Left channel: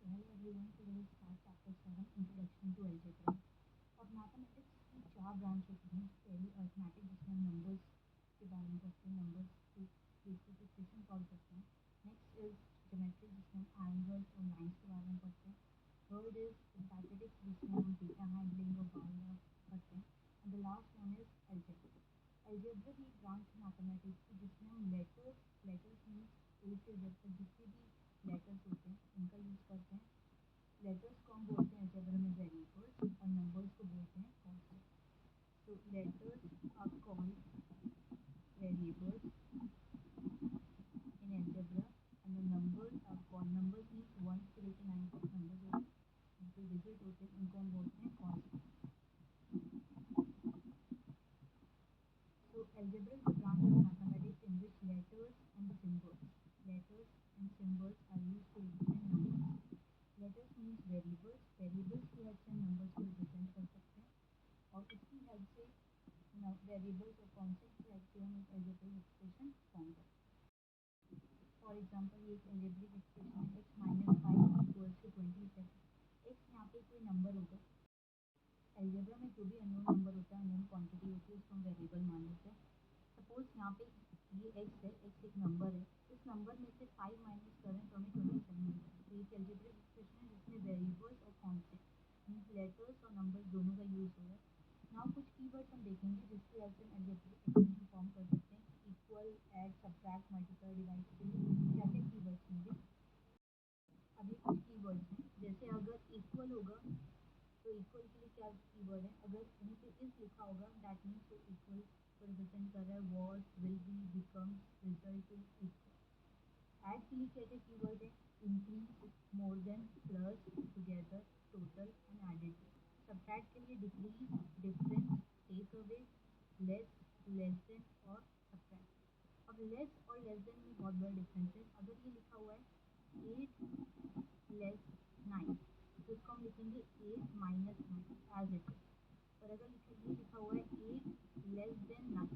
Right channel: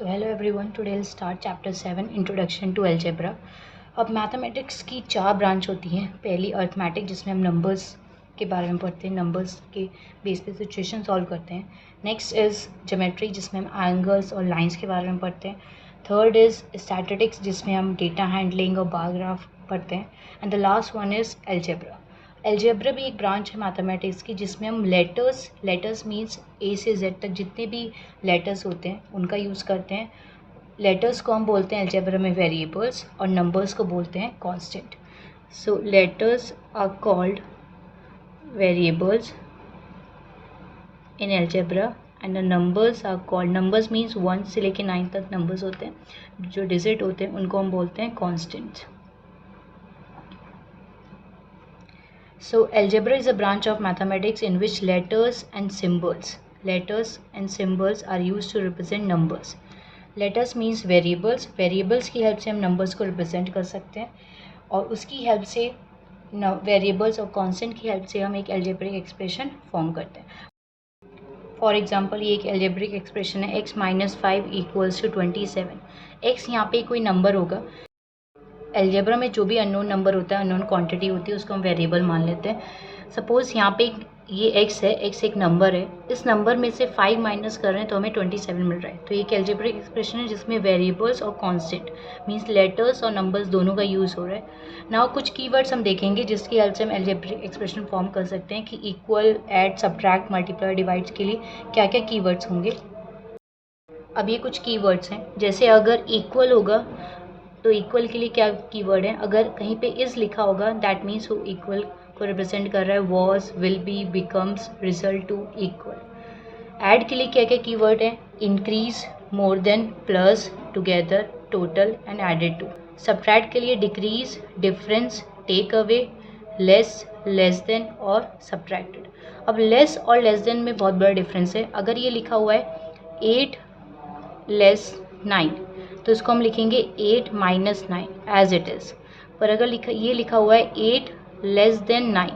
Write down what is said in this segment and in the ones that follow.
So hello everyone, today we'll start chapter 7 Introduction to Algebra. अब mathematics की 4 branch होती हैं। पहली अर्थमेटिक जिसमें हम नंबर्स के बारे में पढ़ते हैं, नंबर्स के बेस पे सिचुएशन सॉल्व करते हैं। नेक्स्ट इज़ ज्योमेट्री जिसमें हम एंगल्स और लाइंस के बारे में पढ़ते हैं। थर्ड इज़ स्टैटिस्टिक्स जिसमें हम डेटा हैंडलिंग और बार ग्राफ पढ़ते हैं। And the last one is algebra. Algebra भी एक ब्रांच है मैथमेटिक्स की जिसमें हम लेटर्स मीन्स ए से जेड तक जितने भी लेटर्स होते हैं उनका यूज़ करते हैं। लेटर्स को हम बोलते हैं अलजेब्रा में वेरिएबल्स और नंबर्स को बोलते हैं constant. So letters are called variables in algebra and the numbers are called, numbers means 1 से लेके 9 तक नंबर्स होते हैं, जो डिजिट होते हैं उनको हम बोलते हैं constant. So algebra is a branch of mathematics in which letters and symbols are used to represent numbers. Letters means variables की हेल्प से हम नंबर्स को रिप्रेजेंट कर सकते हैं और उसकी हेल्प से वेरिएबल्स और कांस्टेंट की हेल्प से हम एक एल्जेब्रिक एक्सप्रेशन फॉर्म करते हैं। फॉर एग्जांपल ये एक एल्जेब्रिक एक्सप्रेशन है x - 5 = 27। x यहाँ पे कोई नंबर होगा। अलजेब्रा में जो भी अननोन नंबर होता है, अननोन क्वांटिटी होती है, उसको हम वेरिएबल मान लेते हैं। सपोज़ यहाँ पे ये x है, x एक नंबर है, इस नंबर में से 5 माइनस कर रहे हैं तो हमें 27 मिल रहा है। तो ये एक अलजेब्रिक एक्सप्रेशन है जिसमें वेरिएबल्स और कांस्टेंट मींस लेटर्स और नंबर्स दोनों का यूज़ हो रहा है। नाउ कुछ कीवर्ड्स हम देखेंगे जिसकी हेल्प से हम अलजेब्रिक एक्सप्रेशन फॉर्म कर सकते हैं कि equal, add, subtract, multiply, divides के लिए क्या क्या कीवर्ड्स होंगे। अब ये कुछ कीवर्ड्स हैं, जैसे अगर इक्वल होगा तो इक्वल के लिए क्या कीवर्ड है, अगर कहीं पे इज़ लिखा होगा दैट मीन्स वो इक्वल को रिप्रेजेंट कर रहा है, was, will be, becomes, result to, equal. Add के लिए क्या क्या कीवर्ड है, increase, more than, plus, together, total and added to. Subtract के लिए decrease, difference, take away, less, less than और सब्ट्रैक्टेड। अब लेस और लेस देन में बहुत बड़ा डिफरेंस है। अगर ये लिखा हुआ है 8 लेस 9 तो इसको हम लिखेंगे 8 - 9 एज इट इज़। पर अगर ये लिखा हुआ है 8 लेस देन 9,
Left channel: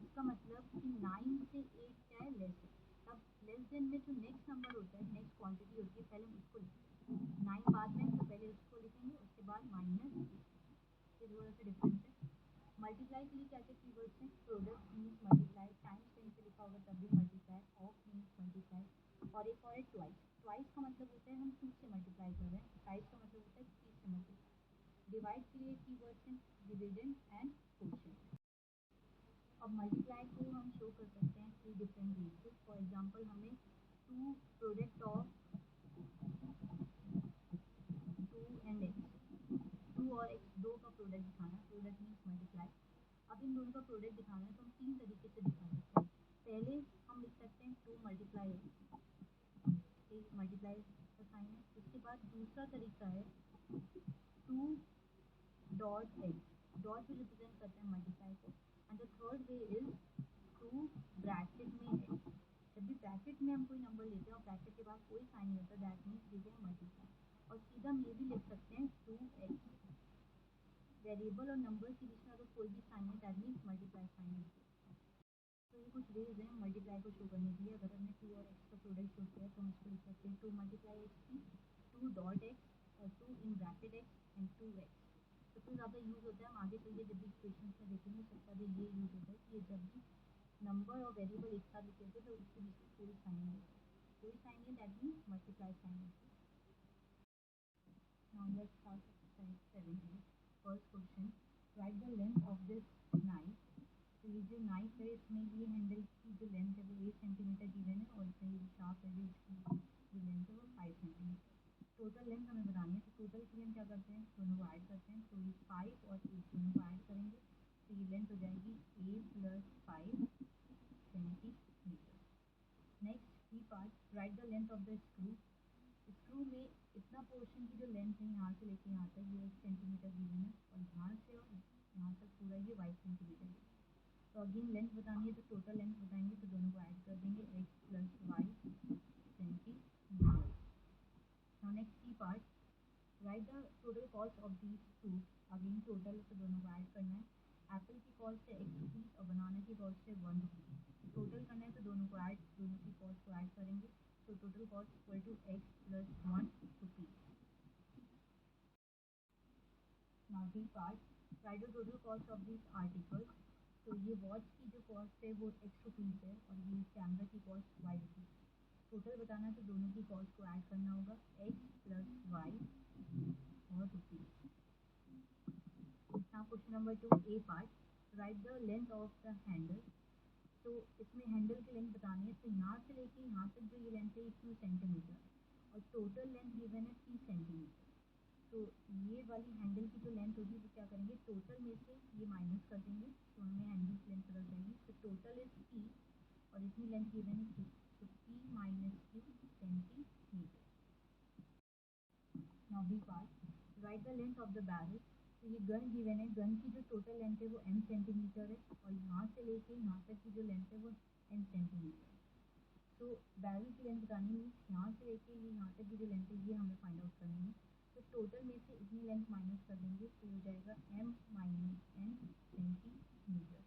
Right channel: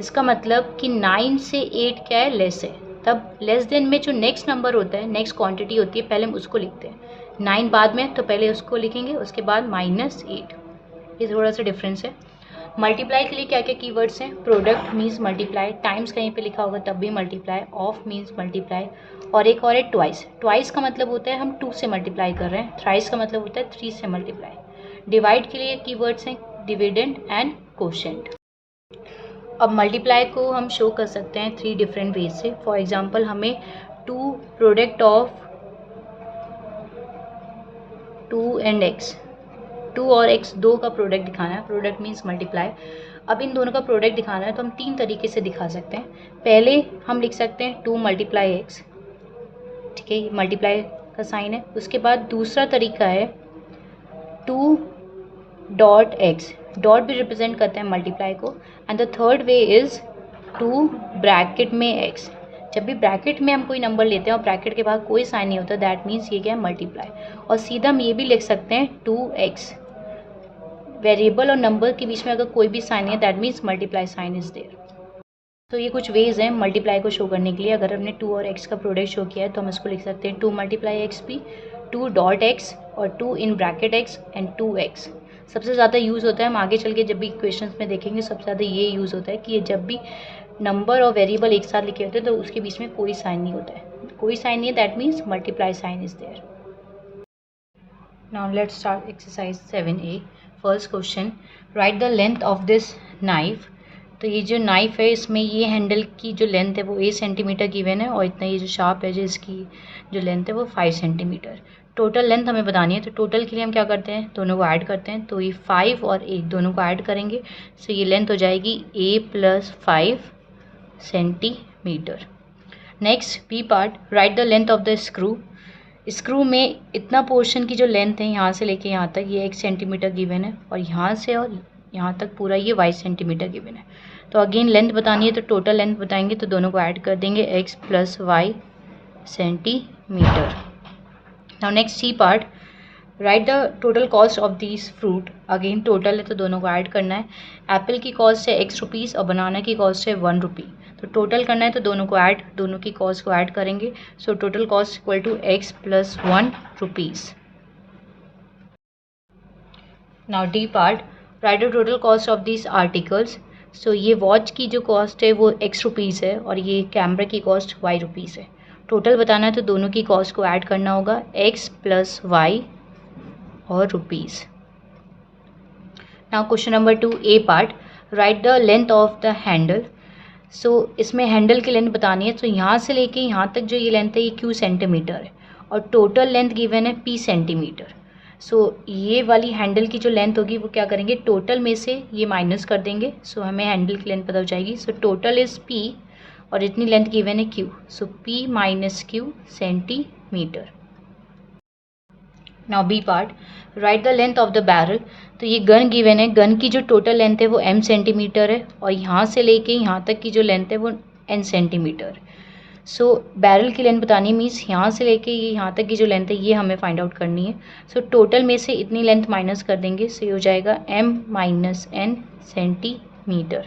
इसका मतलब कि 9 से 8 क्या है, लेस है। तब लेस देन में जो नेक्स्ट नंबर होता है, नेक्स्ट क्वांटिटी होती है, पहले हम उसको लिखते हैं। 9 बाद में, तो पहले उसको लिखेंगे, उसके बाद -8। ये थोड़ा सा डिफरेंस है। मल्टीप्लाई के लिए क्या क्या कीवर्ड्स हैं, प्रोडक्ट मीन्स मल्टीप्लाई, टाइम्स कहीं पे लिखा होगा तब भी मल्टीप्लाई, ऑफ मीन्स मल्टीप्लाई, और एक और है ट्वाइस। ट्वाइस का मतलब होता है हम 2 से मल्टीप्लाई कर रहे हैं, थ्राइस का मतलब होता है 3 से मल्टीप्लाई। डिवाइड के लिए कीवर्ड्स हैं डिविडेंड एंड कोशेंट। अब मल्टीप्लाई को हम शो कर सकते हैं 3 डिफरेंट वे से। फॉर एग्जाम्पल हमें 2 प्रोडक्ट ऑफ 2 एंड x, 2 और x दो का प्रोडक्ट दिखाना है, प्रोडक्ट मीन्स मल्टीप्लाई। अब इन दोनों का प्रोडक्ट दिखाना है तो हम 3 तरीके से दिखा सकते हैं। पहले हम लिख सकते हैं 2 × x, ठीक है, ये मल्टीप्लाई का साइन है। उसके बाद दूसरा तरीका है 2 डॉट x, डॉट भी रिप्रेजेंट करते हैं मल्टीप्लाई को। And the third way is 2 bracket में x। जब भी ब्रैकेट में हम कोई नंबर लेते हैं और ब्रैकेट के बाद कोई साइन नहीं होता, दैट मीन्स ये क्या है, मल्टीप्लाई। और सीधा हम ये भी लिख सकते हैं 2x, वेरिएबल और नंबर के बीच में अगर कोई भी साइन है that means multiply sign is there. तो ये कुछ वेज हैं मल्टीप्लाई को शो करने के लिए। अगर हमने 2 और x का प्रोडक्ट शो किया है तो हम इसको लिख सकते हैं 2 × x भी, 2 डॉट x और 2 in bracket x and 2x। सबसे ज़्यादा यूज़ होता है, हम आगे चल के जब भी क्वेश्चंस में देखेंगे, सबसे ज़्यादा ये यूज़ होता है कि ये जब भी नंबर और वेरिएबल एक साथ लिखे होते हैं तो उसके बीच में कोई साइन नहीं होता है, कोई साइन नहीं है, that means multiply sign is there. Now let's start exercise 7A। First question, write the length of this knife. तो ये जो नाइफ है इसमें ये हैंडल की जो लेंथ है वो 8 सेंटीमीटर गिवन है और इतना ये जो शार्प है जो इसकी जो लेंथ है वो 5 सेंटीमीटर। टोटल लेंथ हमें बतानी है, तो टोटल के लिए हम क्या करते हैं, दोनों को ऐड करते हैं। तो ये 5 और 8 दोनों को ऐड करेंगे, सो ये लेंथ हो जाएगी a + 5 centimetre. Next B part, right the length of the screw. Screw में इतना पोर्शन की जो लेंथ है यहाँ से लेके यहाँ तक ये 1 सेंटीमीटर गिवन है और यहाँ से और यहाँ तक पूरा ये 22 सेंटीमीटर गिवन है। तो अगेन लेंथ बतानी है तो टोटल लेंथ बताएंगे, तो दोनों को ऐड कर देंगे, x + y centimetre. Now next C part, right the total cost of this fruit. Again total है तो दोनों को ऐड करना है। एप्पल की कॉस्ट है x रुपीज़ और बनाना की कॉस्ट है 1 रुपी। तो टोटल करना है तो दोनों को ऐड, दोनों की कॉस्ट को ऐड करेंगे. So total cost equal to x plus 1 rupees. Now D part, right the total cost of this articles. So ये वॉच की जो कॉस्ट है वो x रुपीज़ है और ये कैमरा की कॉस्ट y रुपीज़ है. टोटल बताना है तो दोनों की कॉस्ट को ऐड करना होगा, x प्लस y और rupees. Now question number 2 A part, right the length of the handle. So इसमें हैंडल की लेंथ बतानी है. तो यहाँ से लेके यहाँ तक जो ये लेंथ है ये q सेंटीमीटर है और टोटल लेंथ गिवन है p सेंटीमीटर. सो ये वाली हैंडल की जो लेंथ होगी वो क्या करेंगे, टोटल में से ये माइनस कर देंगे. सो हमें हैंडल की लेंथ पता हो जाएगी. सो टोटल इज़ p और इतनी लेंथ गिवन है q. So p minus q centimetre. Now B part, right the length of the barrel. तो ये गन गिवन है, गन की जो टोटल लेंथ है वो m सेंटीमीटर है और यहाँ से लेके यहाँ तक की जो लेंथ है वो n सेंटीमीटर. सो बैरल की लेंथ बतानी मीन्स यहाँ से लेके ये यहाँ तक की जो लेंथ है ये हमें फाइंड आउट करनी है. सो टोटल में से इतनी लेंथ माइनस कर देंगे. सो ये हो जाएगा m minus n centimetre.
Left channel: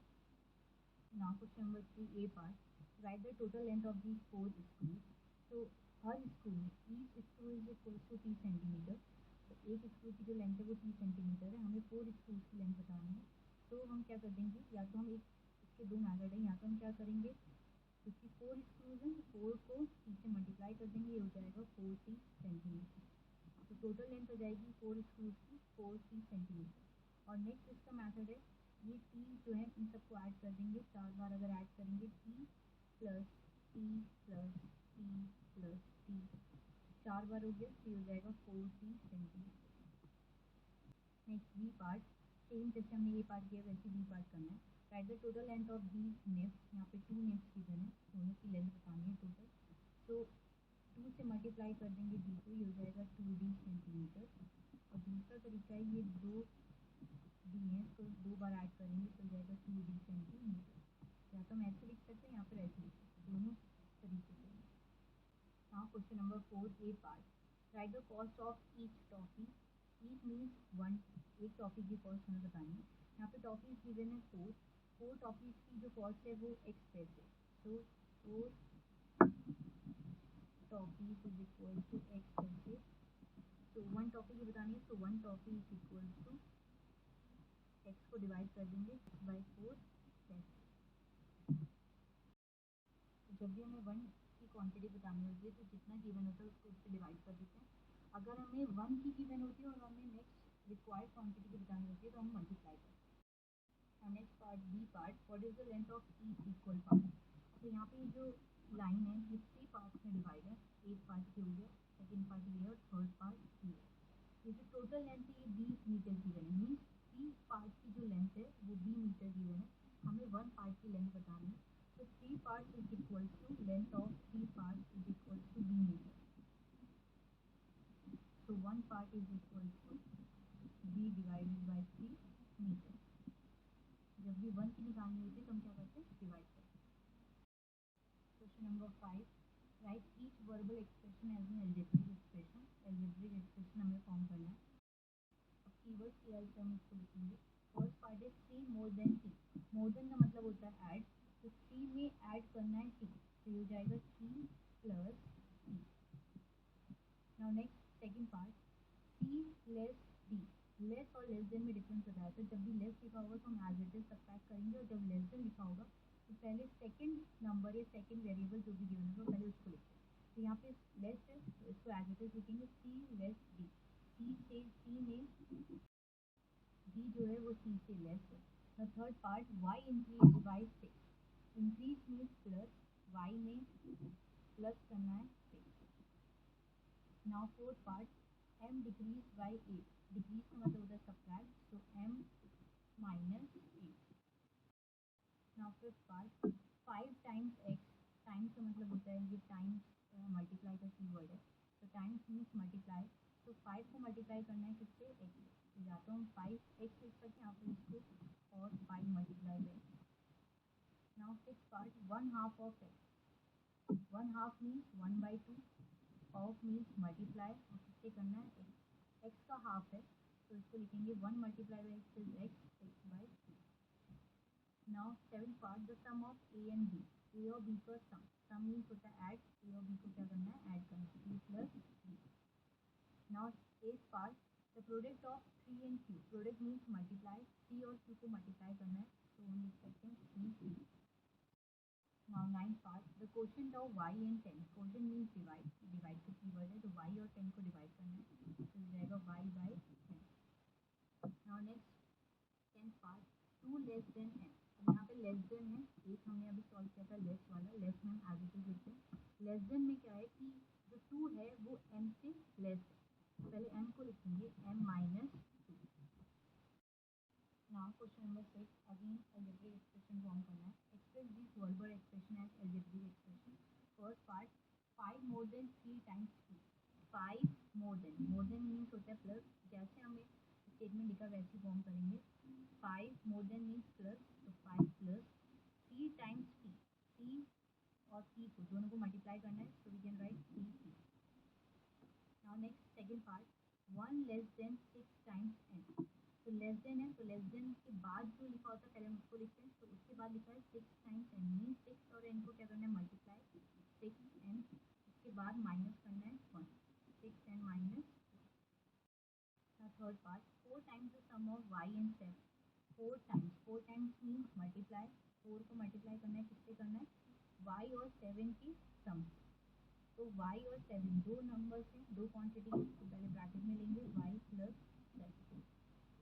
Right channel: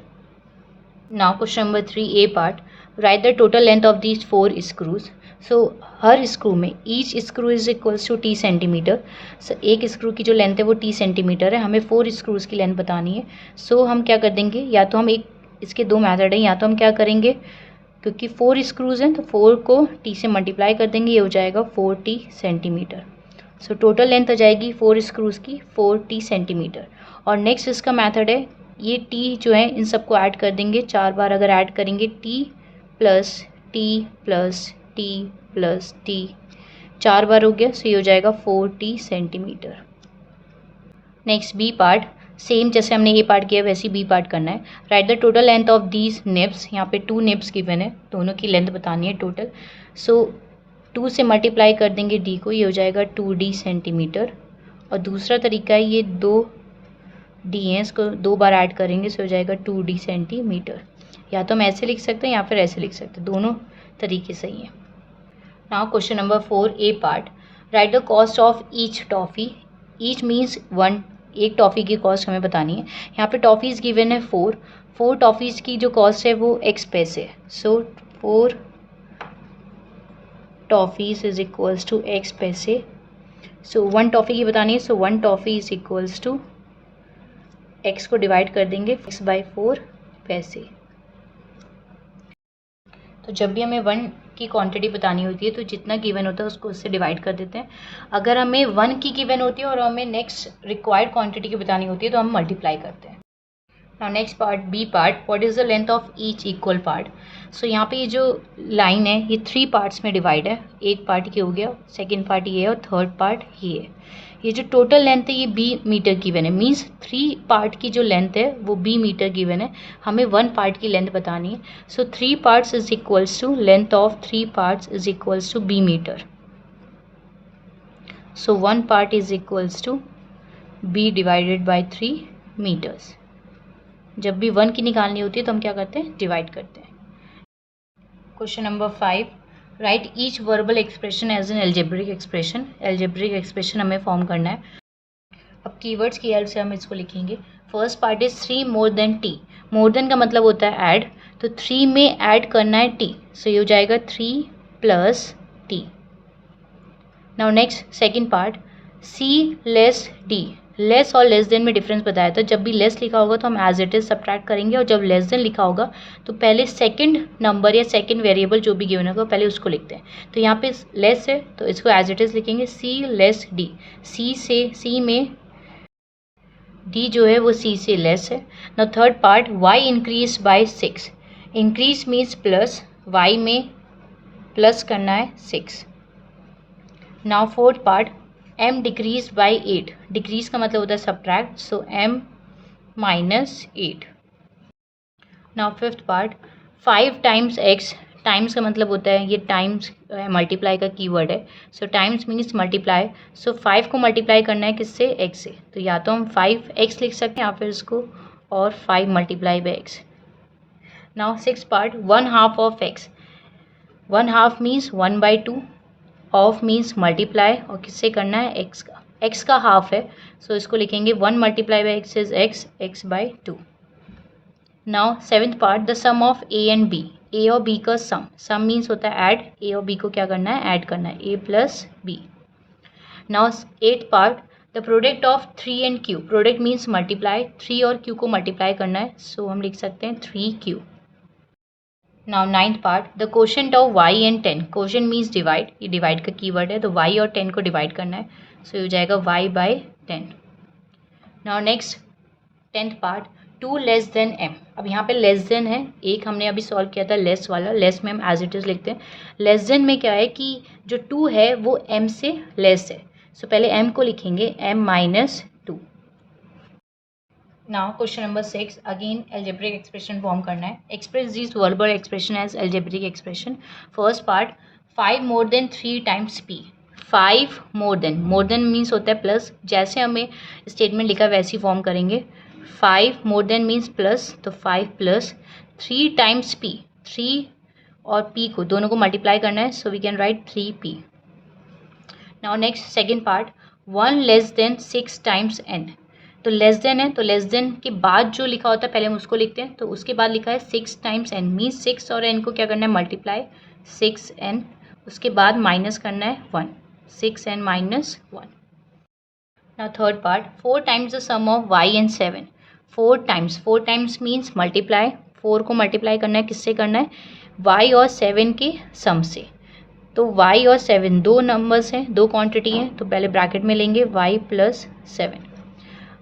Now question number 3 A part, right the total length of these 4 screws. So हर स्क्रू में each screw is equals to t centimetre. So एक स्क्रू की जो लेंथ है वो t सेंटीमीटर है. हमें 4 स्क्रूज़ की लेंथ बतानी है. सो हम क्या कर देंगे, या तो हम एक, इसके दो मेथड हैं, या तो हम क्या करेंगे क्योंकि 4 स्क्रूज़ हैं तो 4 को t से मल्टीप्लाई कर देंगे, ये हो जाएगा 4t centimetre. So total length आ जाएगी 4 स्क्रूज़ की 4t सेंटीमीटर. और नेक्स्ट इसका मेथड है, ये t जो है इन सबको ऐड कर देंगे. 4 बार अगर ऐड करेंगे t plus t plus t plus t, 4 बार हो गया. सो ये हो जाएगा 4t centimetre. Next B part, same जैसे हमने ए पार्ट किया वैसे ही बी पार्ट करना है. Right the total length of these nibs. यहाँ पे 2 निब्स गिवन है, दोनों की लेंथ बतानी है टोटल. सो 2 से मल्टीप्लाई कर देंगे d को, ये हो जाएगा 2d सेंटीमीटर. और दूसरा तरीका है, ये 2 d हैं, इसको 2 बार ऐड करेंगे, सो हो जाएगा 2d सेंटीमीटर. या तो हम ऐसे लिख सकते हैं या फिर ऐसे लिख सकते हैं, दोनों तरीके सही हैं. Now question number 4 A part, right the cost of each toffee. Each means 1, एक टॉफ़ी की कॉस्ट हमें बतानी है. यहाँ पे टॉफ़ीज़ गिवन है 4 टॉफ़ीज़ की जो कॉस्ट है वो x पैसे है. So 4 toffees is equals to x पैसे. सो 1 टॉफ़ी की बतानी है. So 1 toffee is equals to x को डिवाइड कर देंगे x/4 पैसे. तो जब भी हमें 1 की क्वांटिटी बतानी होती है तो जितना गिवन होता है उसको उससे डिवाइड कर देते हैं. अगर हमें 1 की गिवन होती है और हमें नेक्स्ट रिक्वायर्ड क्वांटिटी की बतानी होती है तो हम मल्टीप्लाई करते हैं. Now next part B part, what is the length of each equal part. So यहाँ पे ये जो लाइन है ये 3 पार्ट्स में डिवाइड है. एक पार्ट ये हो गया, सेकेंड पार्ट ये है और थर्ड पार्ट ये है. ये जो टोटल लेंथ है ये b मीटर गिवन है, मीन्स 3 पार्ट की जो लेंथ है वो b मीटर गिवन है. हमें 1 पार्ट की लेंथ बतानी है. So 3 parts is equals to length of 3 parts is equals to b metre. So 1 part is equals to b divided by 3 metres. जब भी 1 की निकालनी होती है तो हम क्या करते हैं, डिवाइड करते हैं. Question number 5, write each verbal expression as an algebraic expression. Algebraic expression हमें फॉर्म करना है. अब कीवर्ड्स की हेल्प से हम इसको लिखेंगे. First part is 3 more than t. More than का मतलब होता है ऐड, तो 3 में ऐड करना है t. सो ये हो जाएगा 3 plus t. Now next second part, c less d. Less और लेस देन में डिफरेंस बताया था. जब भी लेस लिखा होगा तो हम एज इट इज सब्ट्रैक्ट करेंगे और जब लेस देन लिखा होगा तो पहले सेकंड नंबर या सेकंड वेरिएबल जो भी गिवन होगा पहले उसको लिखते हैं. तो यहाँ पे लेस है तो इसको एज इट इज लिखेंगे c लेस d. c में d जो है वो c से लेस है. Now third part, y increase by 6. Increase means plus, y में प्लस करना है 6. Now fourth part, m decrease by 8. Decrease का मतलब होता है सब्ट्रैक्ट, सो m minus 8. Now fifth part, 5 times x. Times का मतलब होता है, ये टाइम्स मल्टीप्लाई का कीवर्ड है. सो टाइम्स मीन्स मल्टीप्लाई. सो 5 को मल्टीप्लाई करना है किससे, x से. तो या तो हम 5x लिख सकते हैं या फिर इसको और 5 multiply by x. Now six part, 1/2 of x. 1/2 means 1/2. Of means multiply और किससे करना है, x का. x का हाफ है सो इसको लिखेंगे 1 multiply by x is x, x/2. Now seventh part, the sum of a and b. A और बी का सम मीन्स होता है ऐड, ए और बी को क्या करना है, ऐड करना है, A plus B. Now 8th part, the product of 3 and Q, product means multiply, 3 और क्यू को मल्टीप्लाई करना है, सो हम लिख सकते हैं 3q। Now 9th part, the quotient of y and 10, quotient means divide, ये डिवाइड का कीवर्ड है, तो y और 10 को डिवाइड करना है, सो हो जाएगा y by 10। Now next 10th part, 2 less than m, अब यहाँ पे लेस देन है, एक हमने अभी सॉल्व किया था लेस वाला, लेस में हम एज इट इज़ लिखते हैं, लेस देन में क्या है कि जो 2 है वो m से लेस है, सो पहले m को लिखेंगे m minus 2। Now question number 6, again algebraic expression form करना है, express this verbal expression as algebraic expression. First part, 5 more than 3 times p, 5 more than means होता है प्लस, जैसे हमें स्टेटमेंट लिखा वैसे ही फॉर्म करेंगे, 5 मोर देन मीन्स प्लस, तो 5 प्लस 3 टाइम्स p, 3 और p को दोनों को मल्टीप्लाई करना है, so we can write 3p। Now next second part, 1 less than 6 times n, तो लेस देन है, तो लेस देन के बाद जो लिखा होता है पहले हम उसको लिखते हैं, तो उसके बाद लिखा है 6 टाइम्स n, मीन्स 6 और n को क्या करना है, मल्टीप्लाई, 6n, उसके बाद माइनस करना है 1, 6n minus 1। Now third part, 4 times the sum of y and 7, 4 times means multiply, 4 को मल्टीप्लाई करना है, किससे करना है, y और 7 के सम से, तो y और 7 दो नंबर्स हैं, दो क्वांटिटी हैं, तो पहले ब्रैकेट में लेंगे y प्लस 7।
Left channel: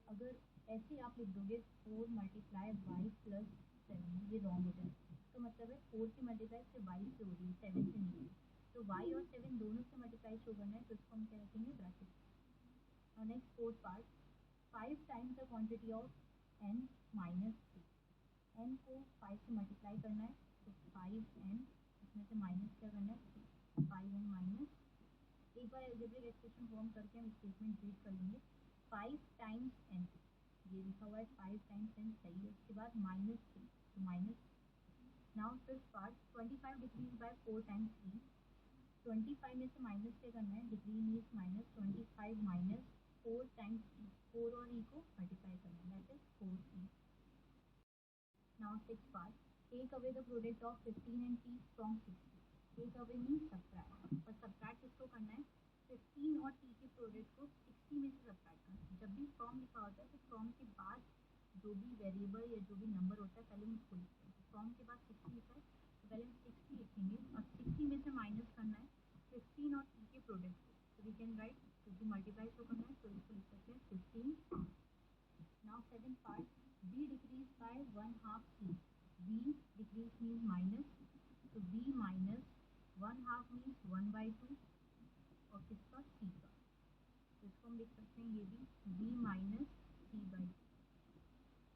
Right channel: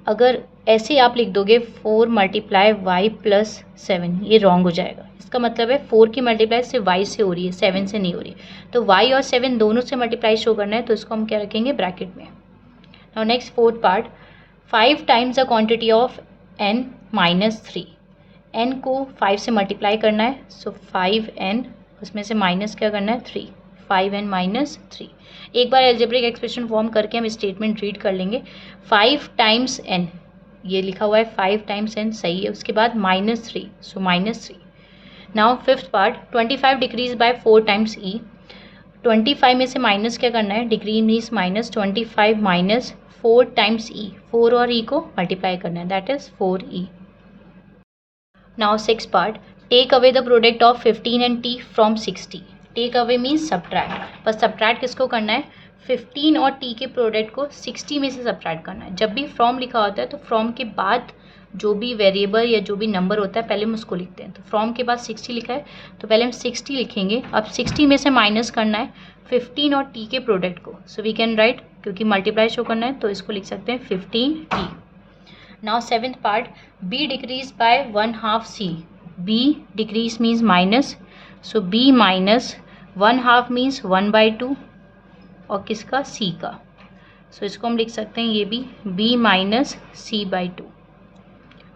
अगर ऐसे आप लिख दोगे 4 मल्टीप्लाई वाई प्लस 7, ये रॉन्ग हो जाएगा, इसका मतलब है 4 की मल्टीप्लाई सिर्फ y से हो रही है, 7 से नहीं हो रही है, तो y और 7 दोनों से मल्टीप्लाई शो करना है, तो इसको हम क्या रखेंगे, ब्रैकेट में। Now next fourth part, 5 times the quantity of n minus 3, n को 5 से मल्टीप्लाई करना है, सो 5n, उसमें से माइनस क्या करना है 3, 5n माइनस 3। एक बार एल्जेब्रिक एक्सप्रेशन फॉर्म करके हम स्टेटमेंट रीड कर लेंगे, 5 टाइम्स n, ये लिखा हुआ है 5 टाइम्स n सही है, उसके बाद minus 3, so minus 3। Now fifth part, 25 decrease by 4 times e, 25 में से माइनस क्या करना है, degree means minus, 25 minus 4 times e, 4 और e को मल्टीप्लाई करना है, that is 4e। Now six part, take away the product of 15 and t from 60, take away means subtract, पर सब्ट्रैक्ट किसको करना है, 15 और t के प्रोडक्ट को 60 में से सब्ट्रैक्ट करना है। जब भी फ्रॉम लिखा होता है तो फ्रॉम के बाद जो भी वेरिएबल या जो भी नंबर होता है पहले हम उसको लिखते हैं, तो फ्रॉम के बाद 60 लिखा है तो पहले हम 60 लिखेंगे, अब 60 में से माइनस करना है 15 और t के प्रोडक्ट को, सो वी कैन राइट, क्योंकि मल्टीप्लाई शो करना है तो इसको लिख सकते हैं 15t। Now seventh part, b decrease by 1/2 c, b decrease means minus, so b minus 1/2 means 1/2 और किसका, c का, सो इसको हम लिख सकते हैं ये भी b माइनस c/2।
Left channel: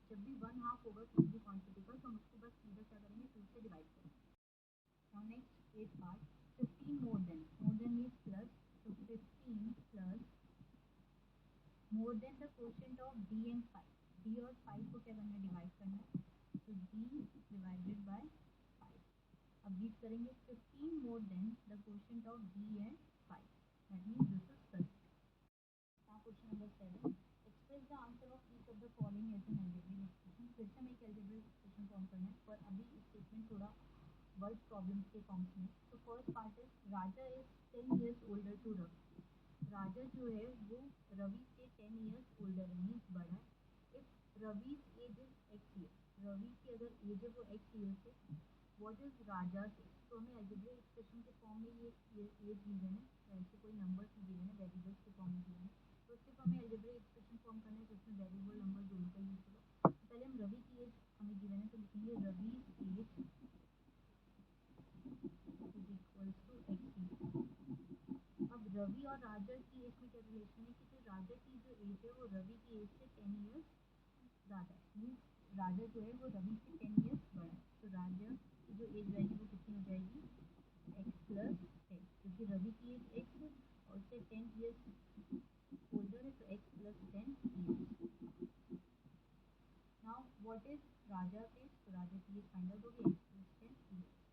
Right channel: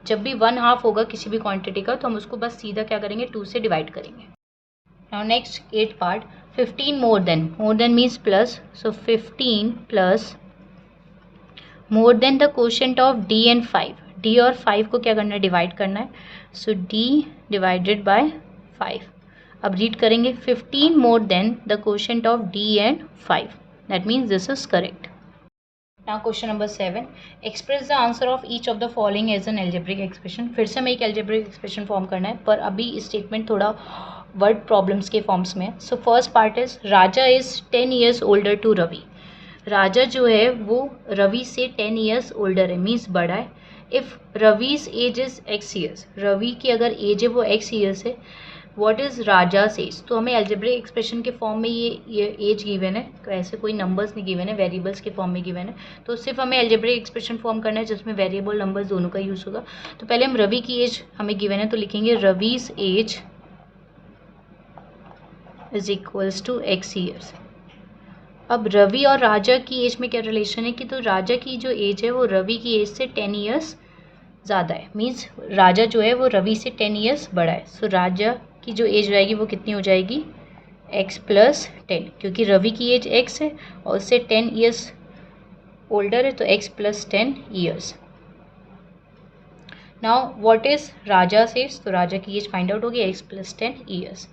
जब भी 1/2 होगा किसी भी क्वांटिटी का तो हम उसको बस सीधा क्या करेंगे, 2 से डिवाइड करेंगे। Now next 8 part, 15 more than means plus, so 15 plus more than the quotient of d and 5, d और 5 को क्या करना है, डिवाइड करना है, सो d डिवाइडेड बाय 5। अब रीड करेंगे, 15 more than the quotient of d and 5, that means this is correct. Now question number 7, express the answer of each of the following as an algebraic expression, फिर से हमें एक algebraic expression form करना है, पर अभी statement थोड़ा word problems के फॉर्म्स में। So first part is, Raja is 10 years older to Ravi, Raja जो है वो रवि से 10 ईयर्स ओल्डर है, मीन्स बड़ा है। If Ravi's age is x years, Ravi की अगर एज है वो x ईयर्स है, व्हाट इज़ राजास एज, तो हमें एल्जेब्रिक एक्सप्रेशन के फॉर्म में ये एज गिवन है, तो ऐसे कोई नंबर्स नहीं गिवन है, वेरिएबल्स के फॉर्म में गिवन है, तो सिर्फ हमें एल्जेब्रिक एक्सप्रेशन फॉर्म करना है जिसमें वेरिएबल नंबर्स दोनों का यूज़ होगा। तो पहले हम रवि की एज हमें गिवन है तो लिखेंगे Ravi's age is equals to x years. अब रवि और राजा की एज में क्या रिलेशन है कि तो राजा की जो एज है वो रवि की एज से 10 ईयर्स ज़्यादा है, मीन्स राजा जो है वो रवि से 10 ईयर्स बड़ा है, सो राजा की जो एज रहेगी वो कितनी हो जाएगी, x प्लस 10, क्योंकि रवि की एज x है और उससे 10 ईयर्स ओल्डर है, तो x plus 10 years. Now what is Raja's age, तो राजा की एज फाइंड आउट होगी x plus 10 years.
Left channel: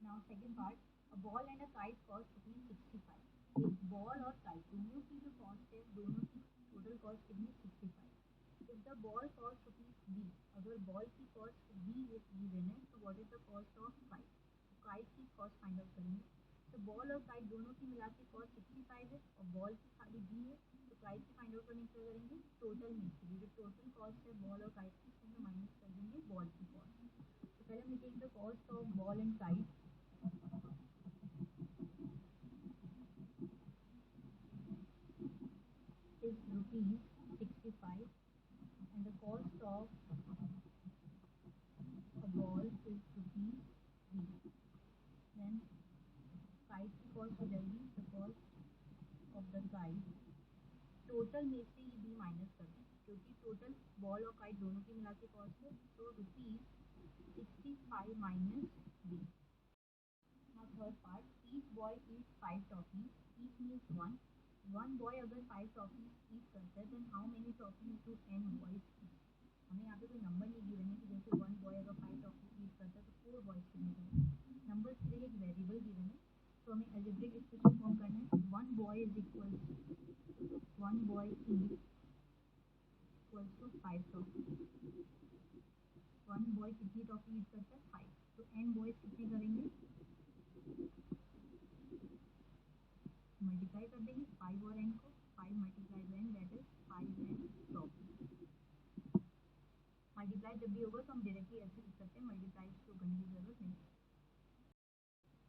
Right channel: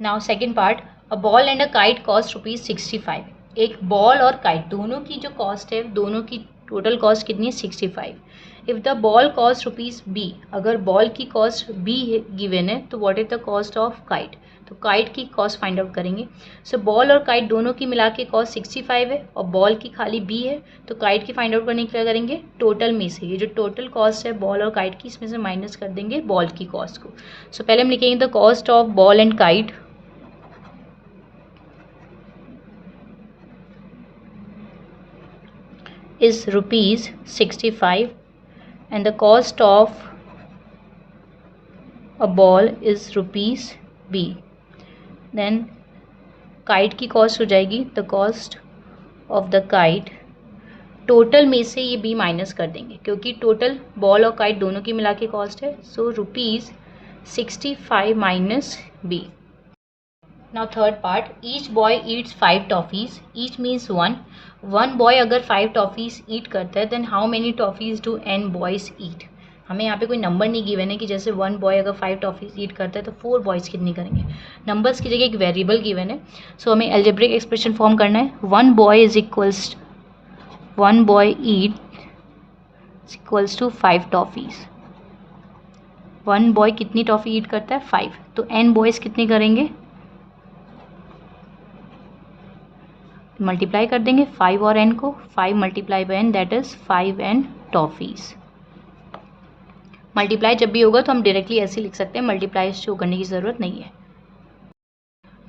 Now second part, a ball and a kite cost ₹65, एक बॉल और काइट दोनों की जो कॉस्ट है, दोनों की टोटल कॉस्ट कितनी है 65। If the ball cost rupees B, अगर बॉल की कॉस्ट बी गिवन है तो what is the cost of kite, तो काइट की कॉस्ट फाइंड आउट करेंगे। सो बॉल और काइट दोनों की मिला के कॉस्ट 65 है और बॉल की खाली बी है, तो काइट की फाइंड आउट करने के क्या करेंगे, टोटल में से ये जो टोटल कॉस्ट है बॉल और काइट की इसमें से माइनस कर देंगे बॉल की कॉस्ट को। सो पहले हम लिखेंगे the cost of ball and kite is rupees 65 and the cost of a ball is rupees b, then kite की cost हो जाएगी the cost of the kite, total में से ये b माइनस कर देंगे क्योंकि टोटल बॉल और काइट दोनों की मिला के कॉस्ट है, so rupees 65 minus b। Now third part, each boy eats 5 toffees, each means one boy अगर 5 toffees eat करता है then how many toffees do n boys eat। हमें यहाँ पे कोई नंबर नहीं गिवन है कि जैसे 1 बॉय अगर 5 टॉफीज ईट करता है तो 4 बॉयज़ कितनी करेंगे, नंबर्स की जगह एक वेरिएबल गिवन है। सो हमें एल्जेब्रिक एक्सप्रेशन फॉर्म करना है, 1 boy is equals 1 boy eat equals to 5 toffees, 1 boy कितनी टॉफ़ी ईट करता है 5, तो n बॉयज़ कितने करेंगे, मल्टीप्लाई कर देंगे 5 और n को, 5 multiply by n that is 5n toffees. Multiply जब भी होगा तो हम डायरेक्टली ऐसे लिख सकते हैं, मल्टीप्लाई शो करने की ज़रूरत नहीं है।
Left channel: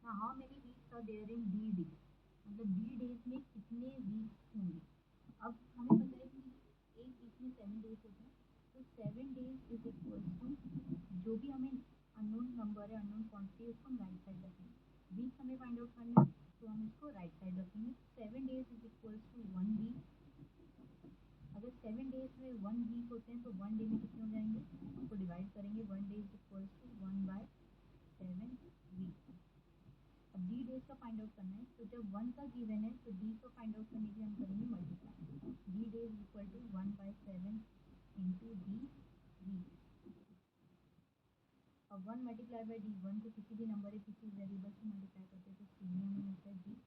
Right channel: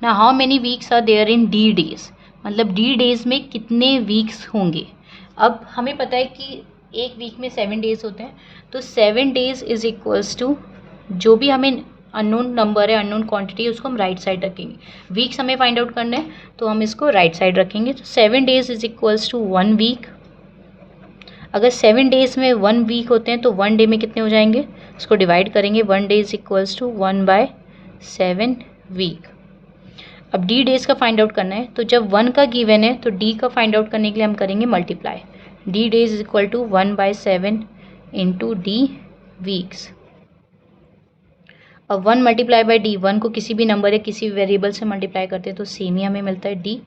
ना how many weeks are there in D days, मतलब डी डेज़ में कितने वीक्स होंगे। अब हमें पता है कि एक वीक में 7 डेज़ होते हैं, तो 7 डेज़ इज़ इक्वल्स टू जो भी हमें अननोन नंबर है, अननोन क्वांटिटी है, उसको हम राइट साइड रखेंगे। वीक्स हमें फाइंड आउट करना है तो हम इसको राइट साइड रखेंगे, तो 7 days is equals to 1 week. अगर 7 डेज़ में 1 वीक होते हैं तो 1 डे में कितने हो जाएंगे, इसको डिवाइड करेंगे, 1 day is equals to 1/7 week. अब डी डेज़ का फाइंड आउट करना है, तो जब 1 का गिवन है तो डी का फाइंड आउट करने के लिए हम करेंगे multiply, D days is equal to 1/7 into D weeks. अब 1 मल्टीप्लाई बाई डी, 1 को किसी भी नंबर या किसी भी वेरिएबल से मल्टीप्लाई करते हैं तो सेम ही हमें मिलता है डी,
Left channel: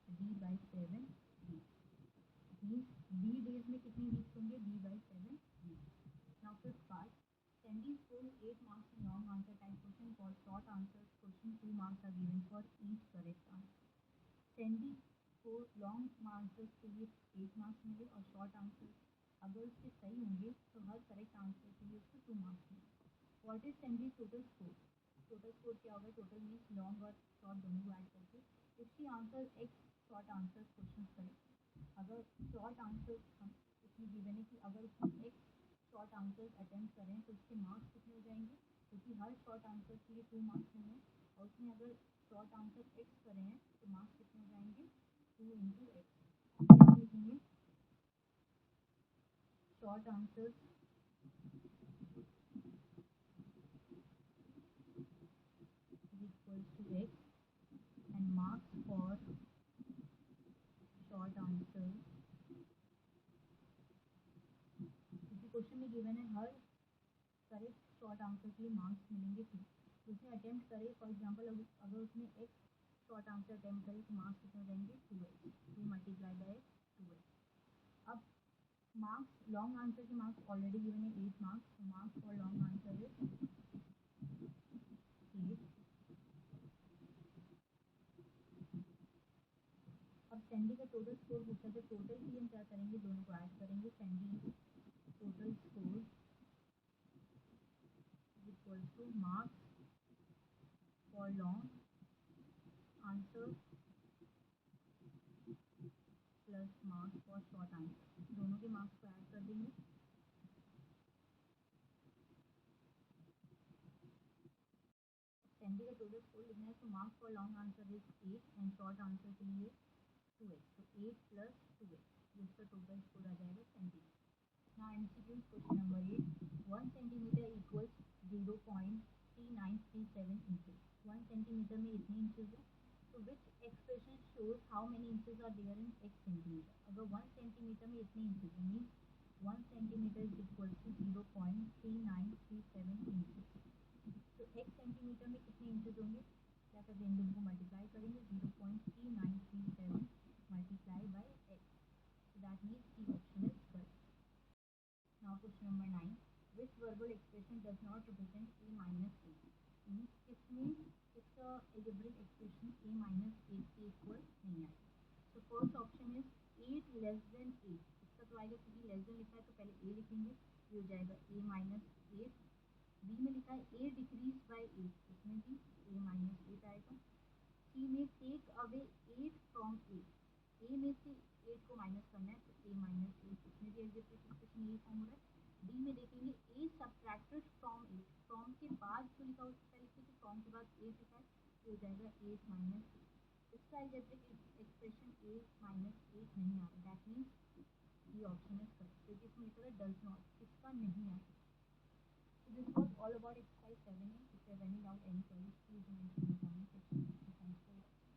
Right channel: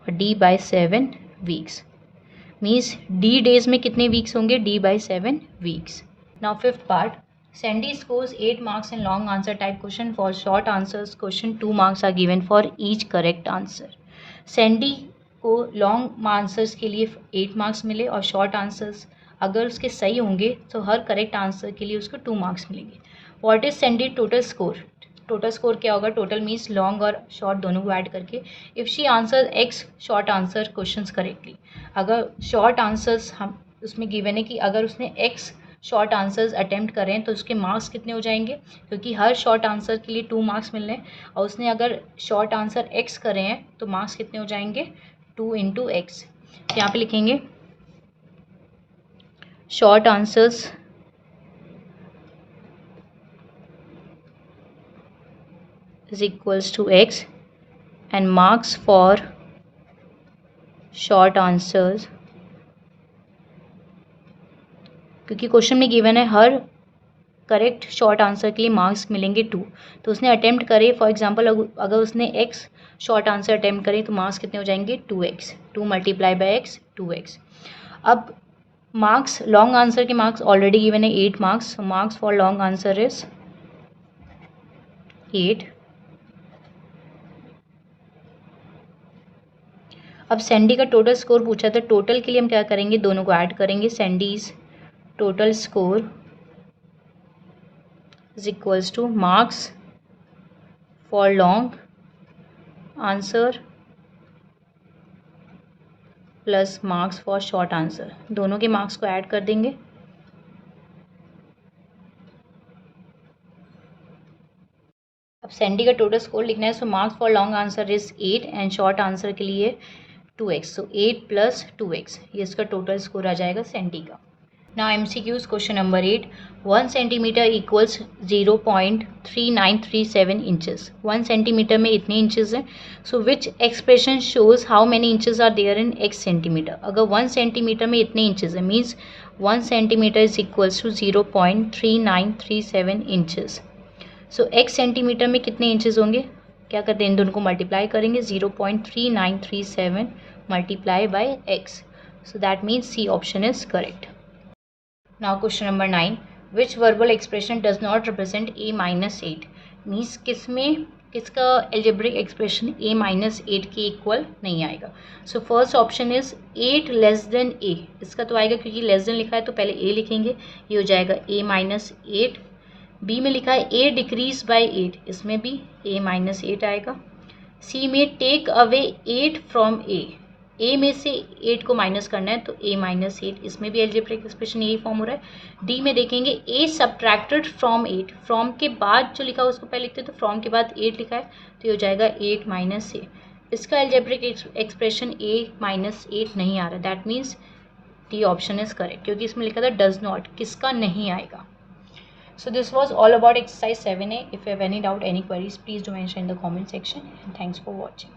और d/7 weeks means D days में कितने वीक्स होंगे, d/7 weeks. Now fifth part, Sandy scores 8 marks in long answer type question, for short answers question 2 marks are given for each correct answer. Sandy को long answers के लिए 8 marks मिले और short answers अगर उसके सही होंगे तो हर करेक्ट आंसर के लिए उसको 2 मार्क्स मिलेंगे। What is Sandy total score, total score क्या होगा, टोटल मीन्स लॉन्ग और शॉर्ट दोनों को ऐड करके। If she answer x short answer questions correctly, अगर शॉर्ट आंसर्स हम उसमें गिवन है कि अगर उसने एक्स शॉर्ट आंसर्स अटेम्प्ट करें तो उसके मार्क्स कितने हो जाएंगे, क्योंकि हर शॉर्ट आंसर के लिए 2 मार्क्स मिलने हैं और उसने अगर शॉर्ट आंसर एक्स करे हैं तो मार्क्स कितने हो जाएंगे 2 इंटू एक्स। यहाँ पे लिखेंगे short answers is equals to x and marks for short answers, क्योंकि क्वेश्चन में गिवन है हर करेक्ट शॉर्ट आंसर के लिए मार्क्स मिलेंगे 2, तो उसने अटेम्प्ट करे, फॉर एग्जांपल अगर उसने x शॉर्ट आंसर अटेम्प्ट करे तो मार्क्स कितने हो जाएंगे 2x, 2 multiply by x 2x। अब मार्क्स लॉन्ग आंसर के मार्क्स ऑलरेडी गिवन है 8 marks, marks for long answer is 8। अब सैंडी का टोटल स्कोर पूछा था, टोटल के लिए हम क्या करेंगे, दोनों को ऐड करेंगे, Sandy's total score is equals to marks for long answer plus marks for short answer, दोनों के मार्क्स को ऐड कर देंगे। अब सैंडी का टोटल स्कोर लिखना है, so marks for long answer is 8 and short answer के लिए 2x, सो 8 प्लस 2x, ये इसका टोटल स्कोर आ जाएगा सैंडी का। Now MCQs question number 8, 1 centimetre equals 0.3937 inches, 1 centimetre में इतने इंचेस हैं, so which expression shows how many inches are there in x centimetre. अगर 1 सेंटीमीटर में इतने इंचेस है means 1 centimetre is equals to 0.3937 inches, so x centimetre में कितने inches होंगे, क्या करते हैं इन दोनों को मल्टीप्लाई करेंगे, 0.3937 multiply by x, So that means C option is correct. Now question number 9. Which verbal expression does not represent a minus 8? Means किसका algebraic expression a minus 8 के इक्वल नहीं आएगा. So first option is 8 less than a. इसका तो आएगा क्योंकि less than लिखा है तो पहले a लिखेंगे, ये हो जाएगा a minus 8. B में लिखा है a decrease by 8, इसमें भी a minus 8 आएगा. C में take away 8 from a. ए में से 8 को माइनस करना है तो a माइनस 8, इसमें भी एल्जेब्रिक एक्सप्रेशन यही फॉर्म हो रहा है. डी में देखेंगे a सब्ट्रैक्टेड फ्रॉम 8, फ्रॉम के बाद जो लिखा है उसको पहले लिखते हैं, तो फ्रॉम के बाद 8 लिखा है तो ये हो जाएगा 8 माइनस ए. इसका एल्जेब्रिक एक्सप्रेशन a माइनस 8 नहीं आ रहा, that means D option is correct, क्योंकि इसमें लिखा था डज नॉट, किसका नहीं आएगा. So this was all about exercise 7A. If you have any doubt, any queries, please do mention in the comment section. And thanks for watching.